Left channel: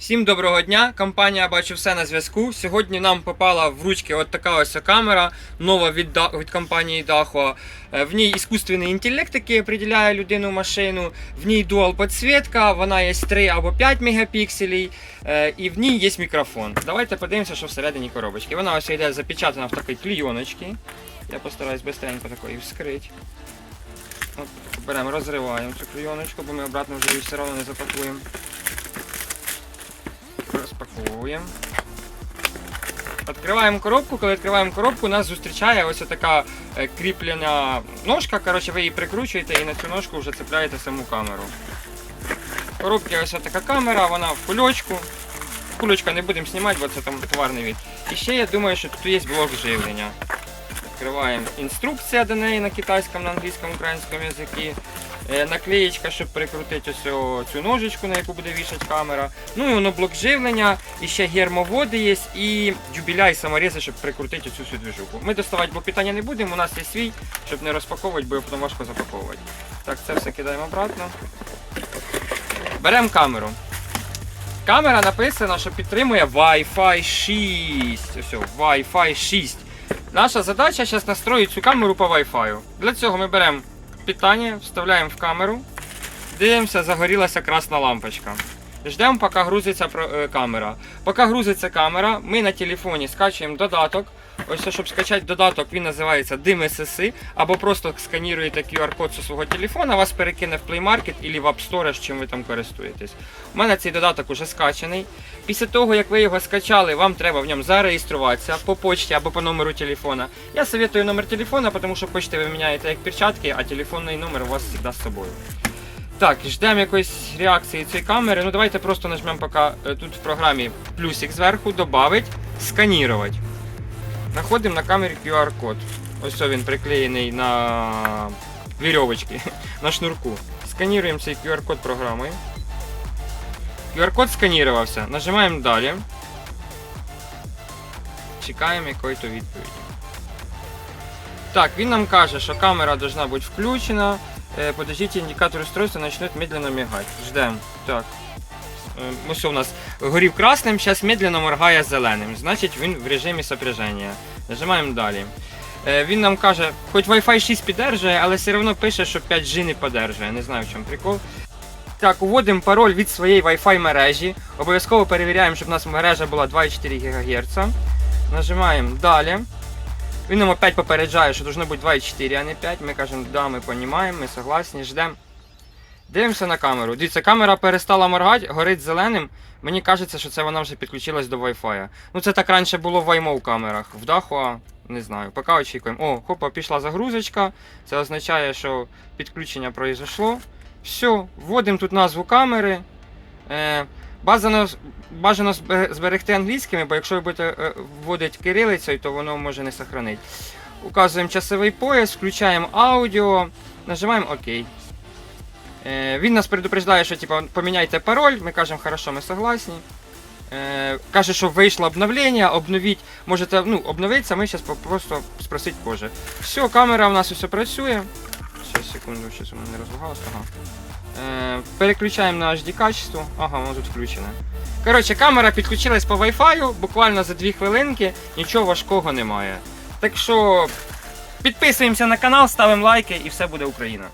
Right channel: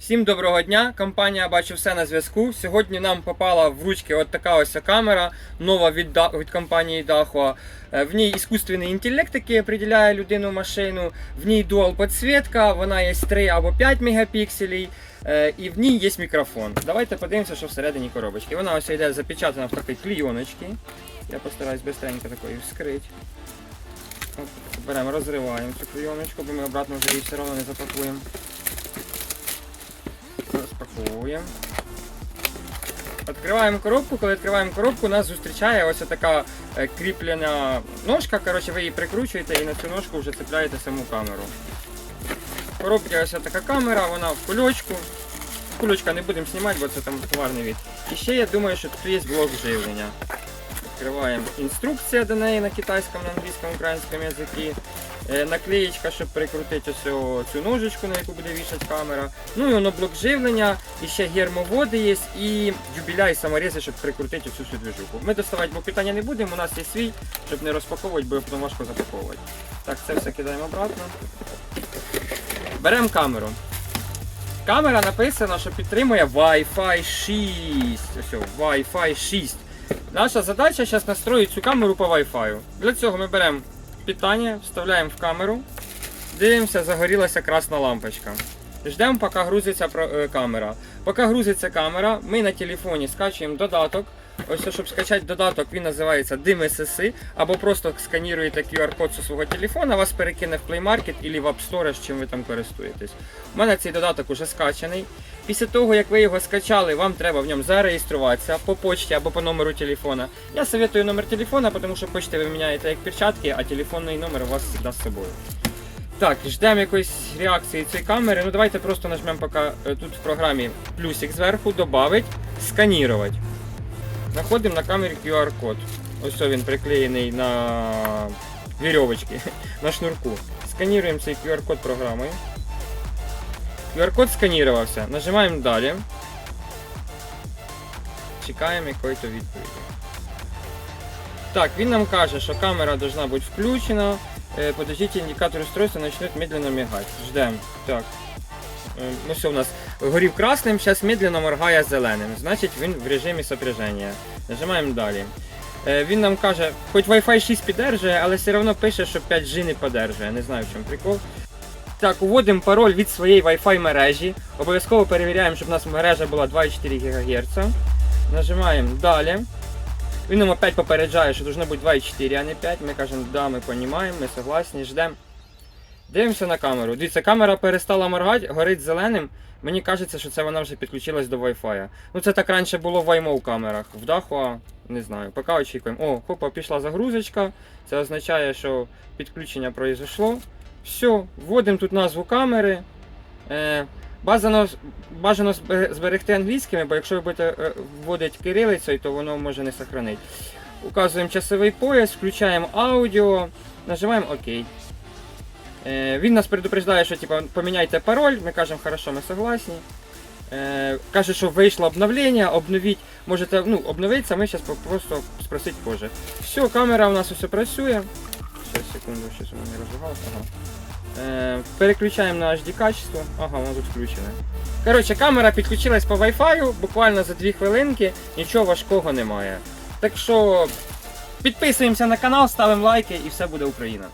Всім доброго дня! Компанія бачу все на зв'язку. Сьогодні нам попала в ручки от така ось камера, нова від, від компанії Dahua. Е, В ній іскусственний інтелект, який определяє людину машину. В ній дуал підсвітка, вона є 3 або 5 мегапікселів. е, І в ній є мікрофон. Давайте подивимося, що всередині коробочки. Вона ось йде запечатана в такій клійоночці. Я постараюсь швидко такої вскрити. Беремо, розриваємо цю клійоночку, бо ми обратно вже її все одно не запакуємо. Розпаковуємо. Відкриваємо коробку. Коли відкриваємо коробку, нас зустрічає ось така е, кріплена ножка. Коротше, ви її прикручуєте і на цю ножку вже цепляєте саму камеру. В коробці ось така камера, вона в кульочку. Кульочка не будемо знімати, бо це там товарний від. І ще я думаю, що тут є блок живлення. Відкриваємо інструкція до неї на китайському, на англійському, українському язикі. Е, Наклеєчка, щоб прикрутити ось цю- ножичку, на яку буде вішати камера. Ну і воно блок живлення, і ще гермоводи є, і дюбіля і саморізи, щоб прикрутити цю всю движуху. Ми доставати блок питання не будемо, у нас є свій, щоб не розпаковувати, бо потім важко запаковувати. Так, це все кидаємо обратно. Беремо камеру. Камера написано, що підтримує Wi-Fi 6. Ось, Wi-Fi 6. Наша задача зараз настроїти цю камеру по Wi-Fi. Для цього ми беремо питання, вставляємо в камеру, дивимося, загорілася красна лампочка. Ждемо, поки грузиться е, камера. Поки грузиться камера, ми на телефоні скачуємо додаток. Ось, щоб скачати додаток, він називається Дим SSI, або просто сканіруєте QR-код зі свого телефона, вас перекине в Play Market або в App Store, чим ви там користуєтесь. У мене цей додаток уже скачаний. Після того, як ви його скачали, вам треба в ньому зареєструватися по почті або по номеру телефона. Я советую номер телефона, тому що почти ви міняєте як перчатки, а телефонний номер у вас завжди з собою. Так, ждемо якоїсь реакції цієї камери. Ну давайте просто нажмемо поки е, тут в програмі плюсик зверху, добавить, сканірувати. Находимо на камері QR-код. Ось він приклеєний на вірьовочки, на шнурку. Сканіруємо цей QR-код програмою. QR-код сканірувався. Нажимаємо далі. Чекаємо якої-то відповіді. Так, він нам каже, що камера должна бути включена. Е, Подождите, індикатор устройства начнет медленно мигать. Ждем. Так. Е, Ну все, у нас горів красним, зараз медленно моргає зеленим. Значить він в режимі сопряження. Нажимаємо далі. Е, Він нам каже, хоч Wi-Fi 6 підтримує, але все одно пише, що 5G не підтримує. Не знаю, в чому прикол. Так, уводимо пароль від своєї Wi-Fi мережі. Обов'язково перевіряємо, щоб у нас мережа була 2,4 ГГц. Нажимаємо далі. Він нам опять попереджає, що должно бути 2,4, а не 5. Ми кажемо, да, ми розуміємо, ми согласні, ждемо. Дивимося на камеру. Дивіться, камера перестала моргати, горить зеленим. Мені кажеться, що це вона вже підключилась до Wi-Fi. Ну це так раніше було в iMov камерах. В Dahua, не знаю, поки очікуємо. О, хопа, пішла загрузочка. Це означає, що підключення произошло. Все, вводимо тут назву камери. Е, бажано, бажано зберегти англійськими, бо якщо ви будете е, вводити кирилицею, то воно може не сохранити. Указуємо часовий пояс, включаємо аудіо, нажимаємо ОК. Е, він нас предупреждає, що типу, поміняйте пароль, ми кажемо, хорошо, ми согласні. Е, каже, що вийшло обновлення, обновіть, можете ну, обновитися, ми зараз просто спросить позже. Все, камера у нас усе працює. Сейчас, секунду, сейчас воно не розлагалось. Ага. Е, переключаємо на HD качество. Ага, воно тут включене. Коротше, камера підключилась по Wi-Fi, буквально за 2 хвилинки, нічого важкого немає. Так що підписуємося на канал, ставимо лайки і все буде Україна.